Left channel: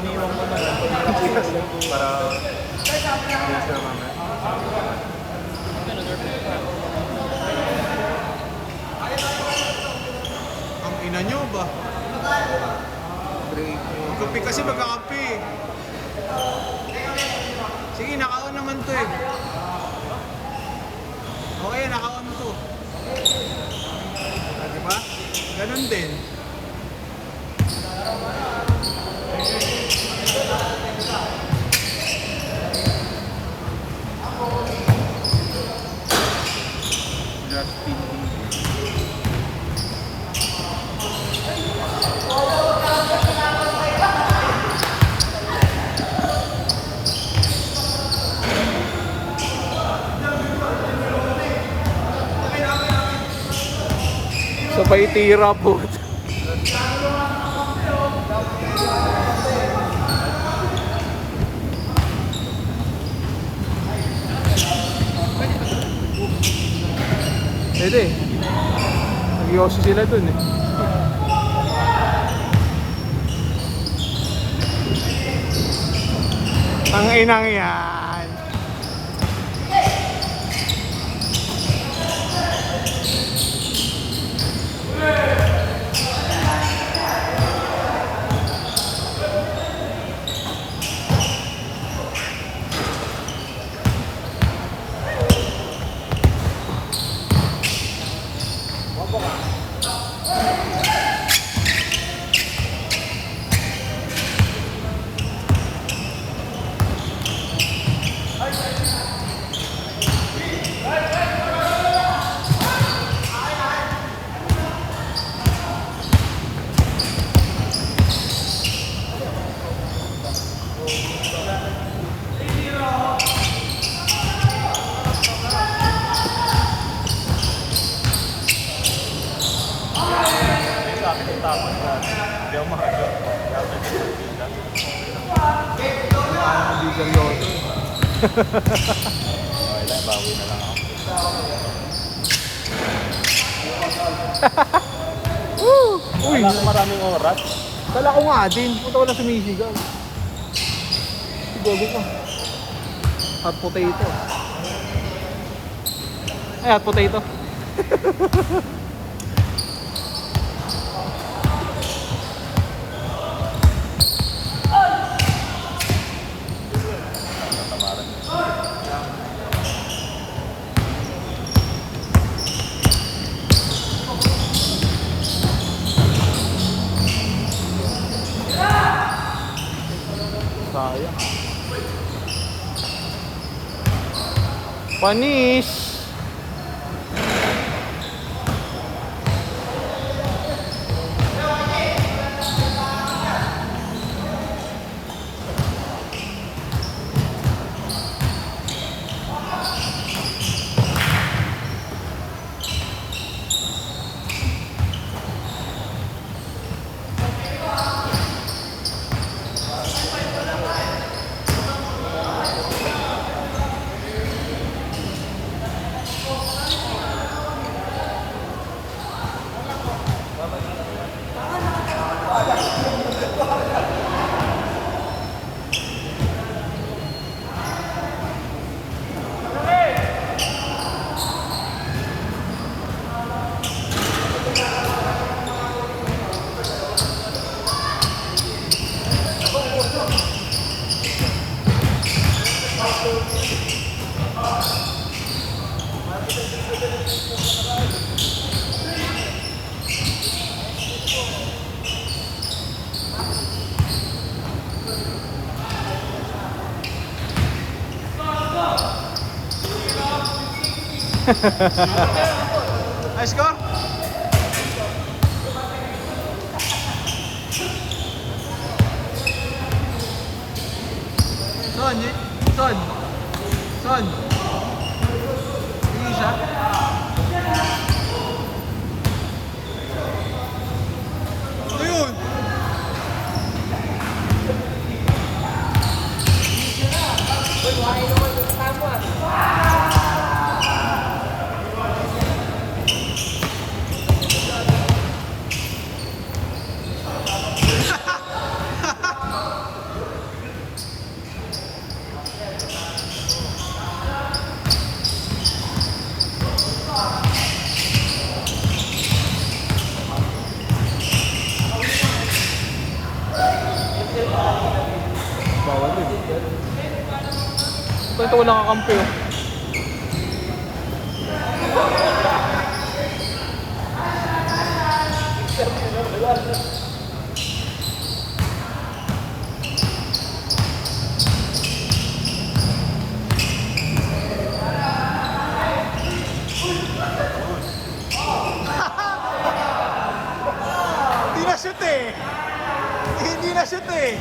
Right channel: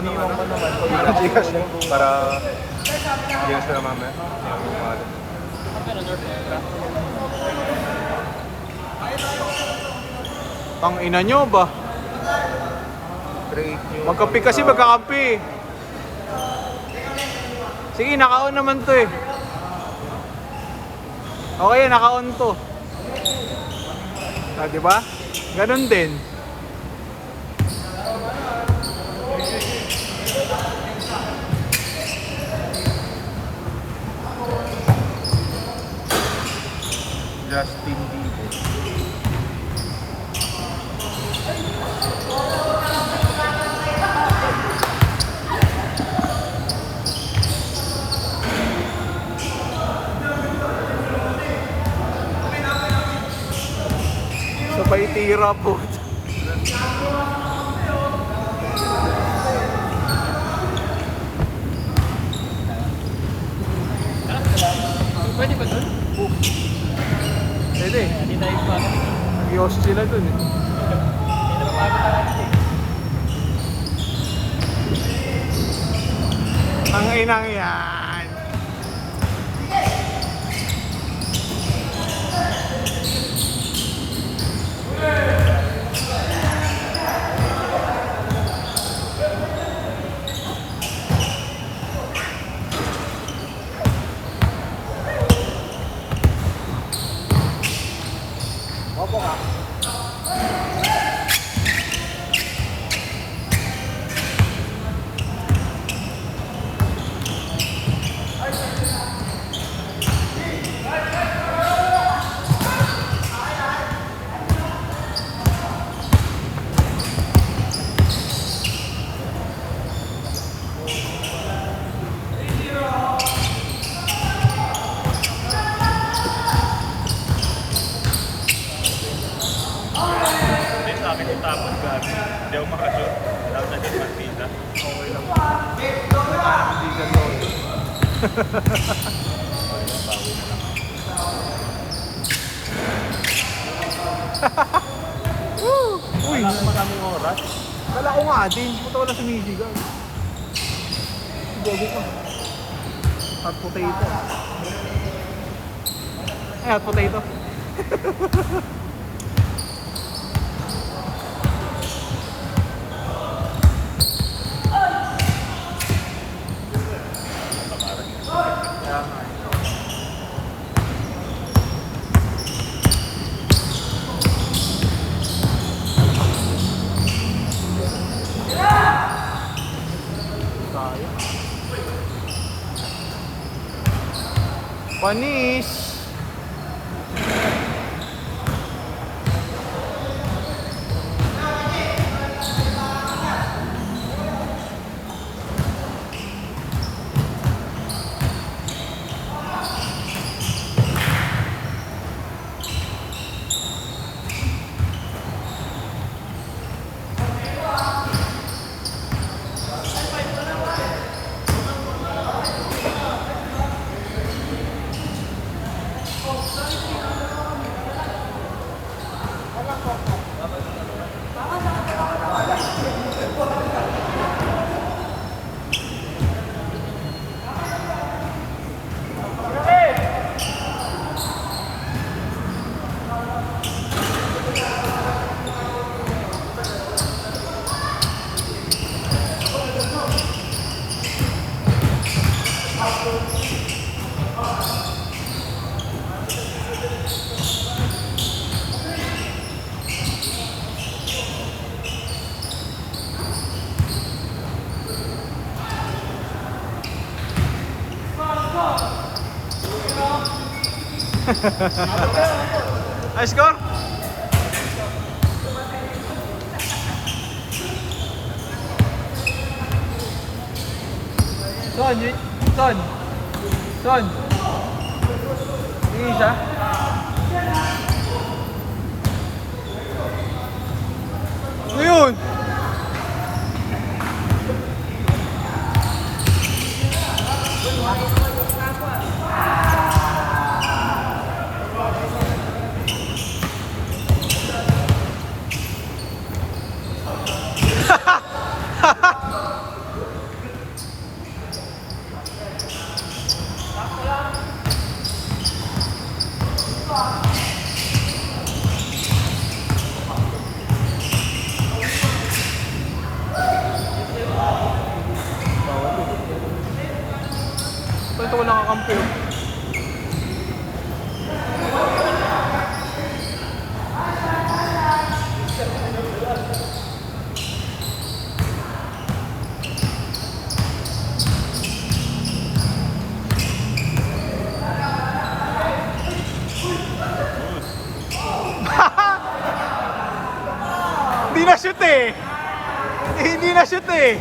karaniwang para extra mamaya. Ang ina nyo ba? Magkape kasi magkakape. Sige, naka-on naman to eh. Okay, naka-on to. Ah, diba? Ganon din. Justin Bieber. Sabay tira po. Pwede ba ito? Pwede. Iyos sila dun eh. Ang inang yan. Sabi ko tapos dati. Hindi ako makasyon. Lalo na sa Manila. Okay lang. Uy, Maraming oras. kala ko nga din. Punta ko na sumisigaw. Dogo ka. Hot potato. Ay, hot potato. Kaya nga eh. Panis. Ay, score? Son, Son. Son. Sige siya. Ano yun? na shoot eh. Hindi na shoot eh.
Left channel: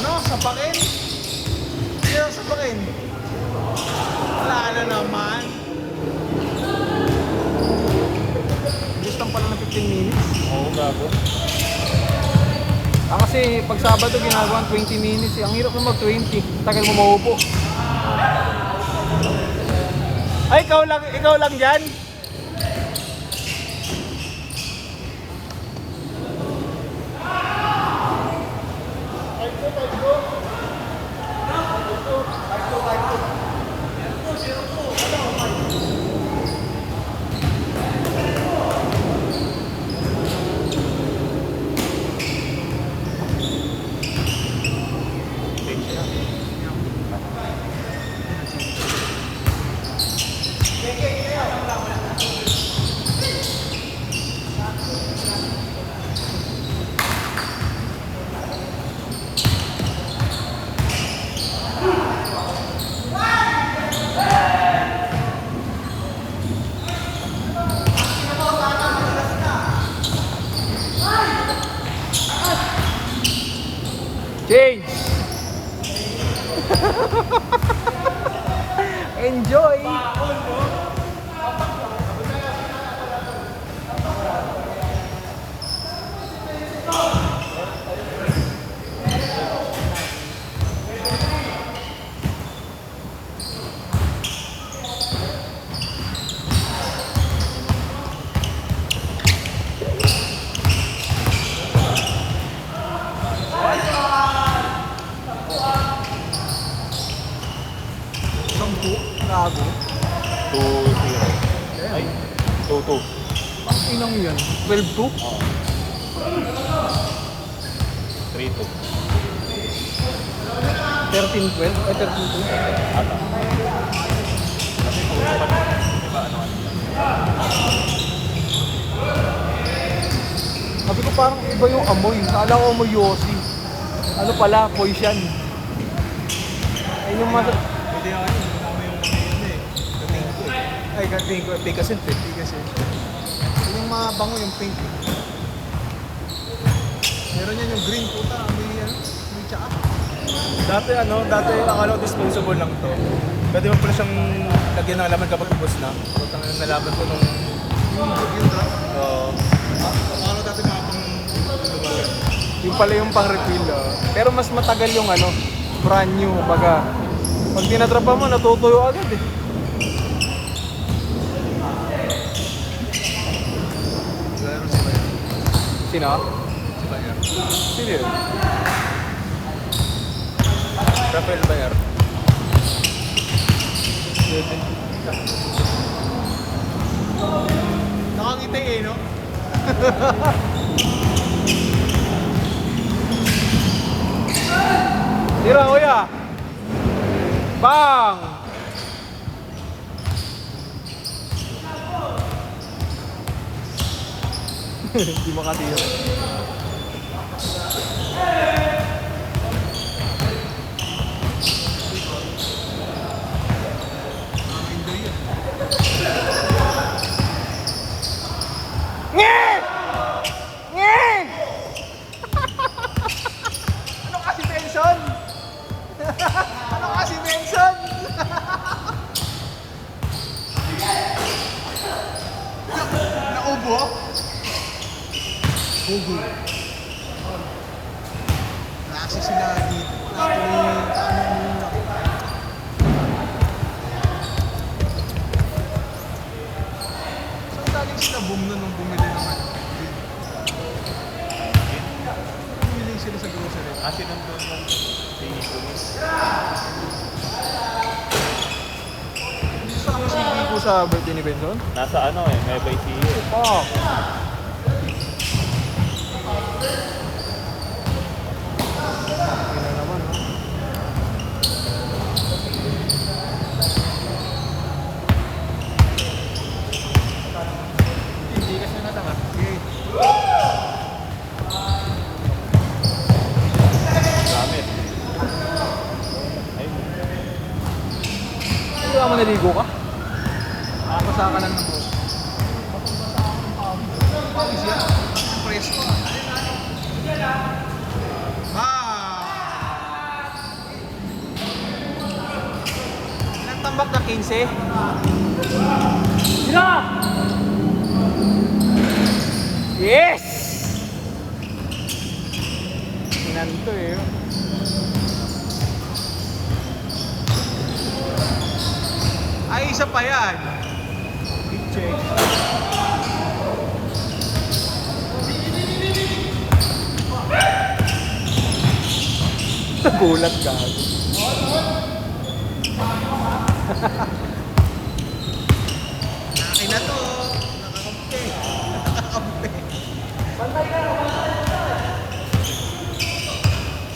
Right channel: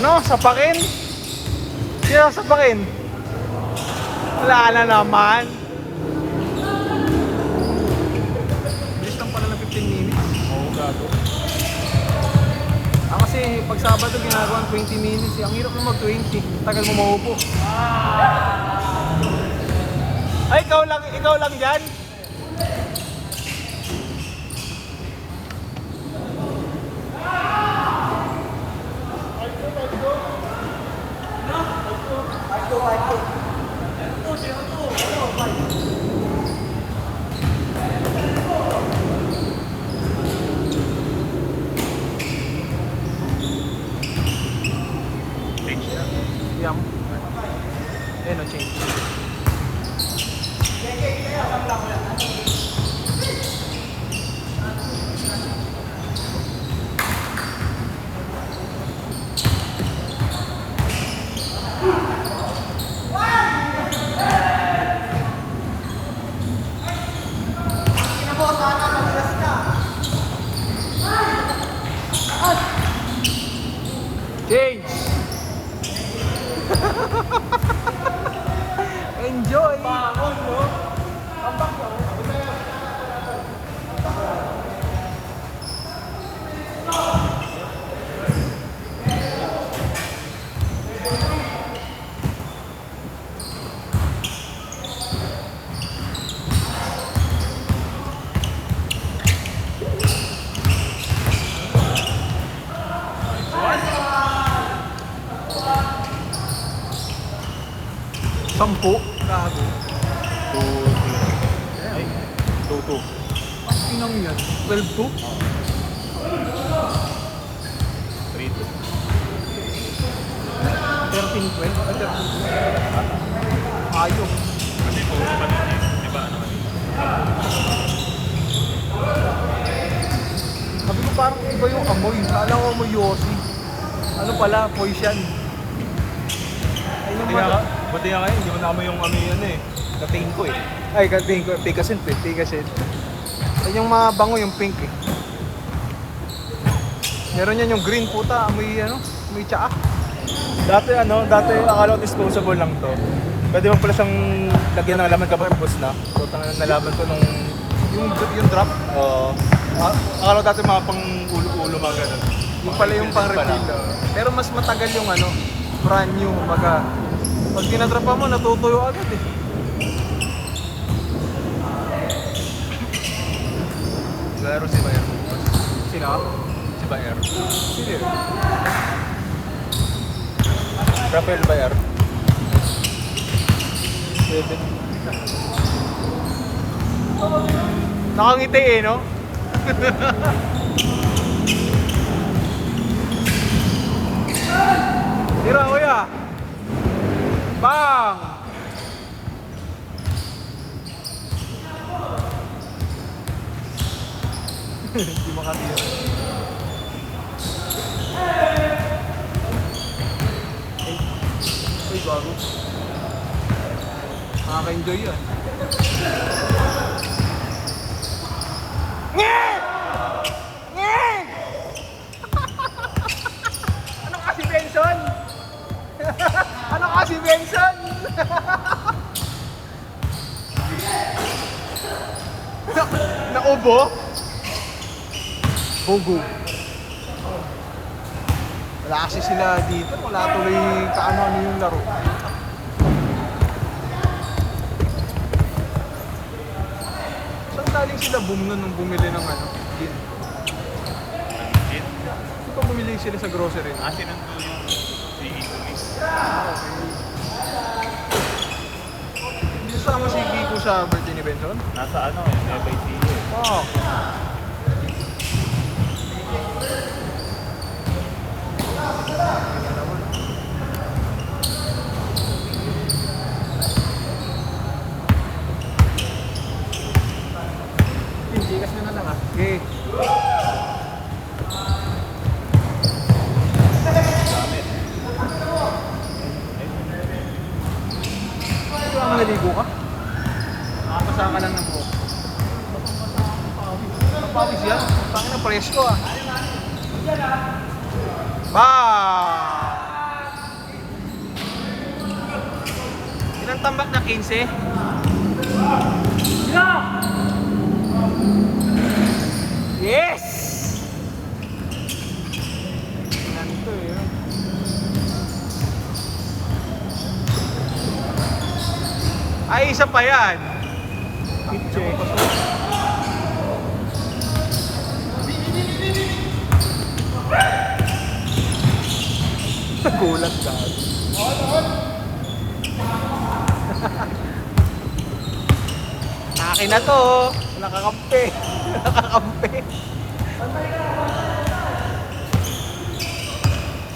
Ano? Sapakin? Sino sapakin? Wala na naman. Bilis lang pala na 15 minutes. Kasi pag Sabado ginagawa 20 minutes eh. Ang hirap mo mag-20. Tagal mo maupo. Ay, ikaw lang dyan? Change! Enjoy! Sampu? Grabe. 2-3. Ay, 2-2. Ano mo yan? 12-2? 3-2. 13-12? 13-12? Ayos. Kasi 2-1. Diba ano? Sabi ko parang iba yung amoy. Akala ko amoy Yossi. Ano pala? Poison. Buti nga kayo, hindi ko naman yung ano yun eh. Kating ko eh. Ay, Picasin. Yan yung mga bango, yung pink eh. Meron yan yung green puta, may tsaa. Dati akala ko dispensable lang to. Pwede mo pala siyang lagyan ng alaman kapag na. Nalaman ko nung... Yung drop. Akala dati mga pang ulo-ulo mga ganun. Yung pala yung pang refill. Pero mas matagal yung brand new mga. Pag pinadropa mo, natutuyo agad eh. Laro si Bayer. Sino? Si Bayer. Sino yun? Rafael Bayer. Nakangiti eh, no? Tira, kuya! Bang! Hindi mo kanina. Ay, bago. Nakaka-enjoy yan. Nye! Nye! Ano kasi Benson? Ano kasi Benson? Naubo? Bogo. Wala kasi sila dito. Wala tuloy kaano yung laro. Saan galing sila boom nun nung bumili ng ano? Gin? Ito bumili sila sa grocery. Asin nandun yung pinigulis. Hindi sama si Kiko sa birthday ni Benro? Nasa ano eh, Nueva Ecija. Oo. Hindi kasi na lang ah. Okay. Ito ang naligo ka? Masa ka lang ng buhok. Ang pawis yan. Tangin ng presko ah. Ba! Ilang tambak na 15? Yes! Ganito eh. Ay, isa pa yan. Nagulat ka. Akin na to. Nakakampi. Nakakampi.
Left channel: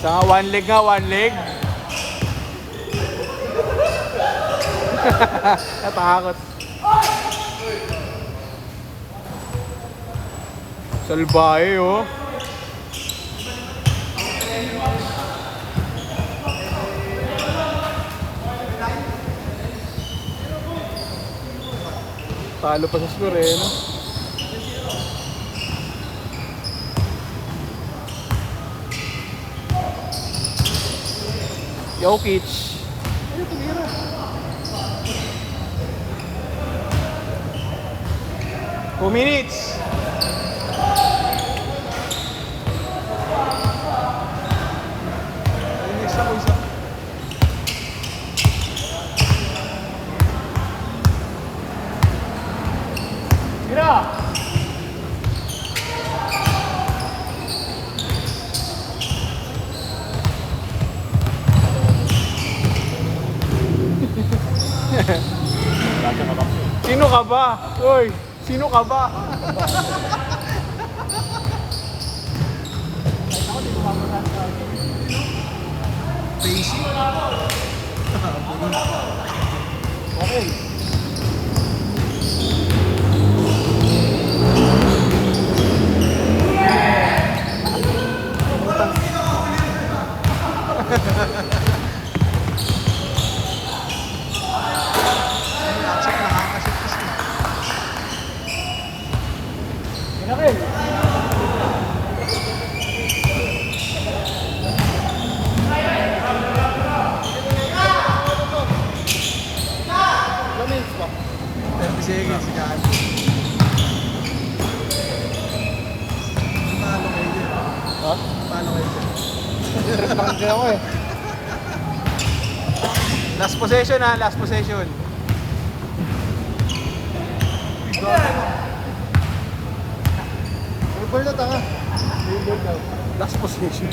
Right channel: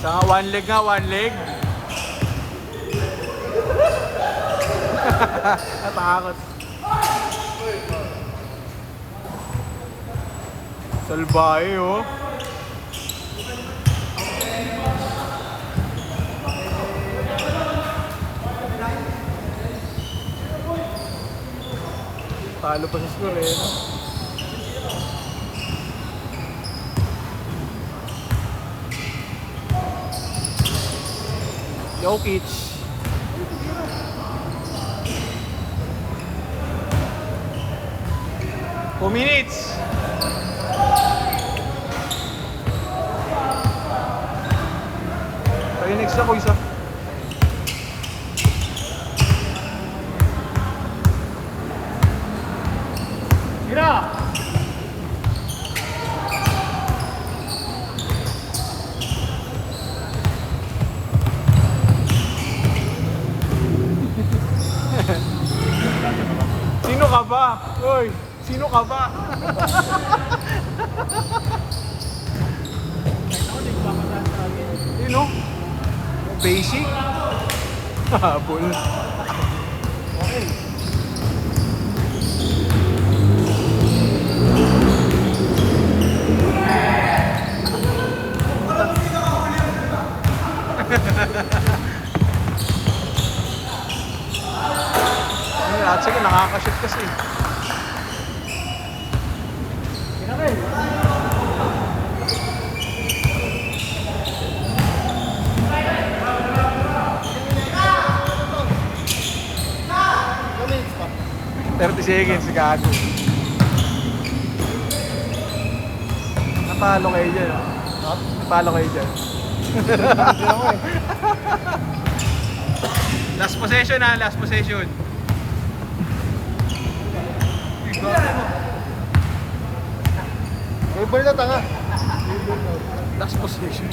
Sa one leg nga, one leg. Natakot. Salbahe oh. Talo pa sa square eh. No? Jokic. 2 minutes. Ayun, next na po isa. Sino ka ba? Uy, Sino ka ba? Sino? Basic? Habol. Sige, nakakashoot kasi. Seconds, gago. Napalo kayo dyan. Napalo kayo dyan. Last possession ha, last possession. Ibol na tanga. Last possession.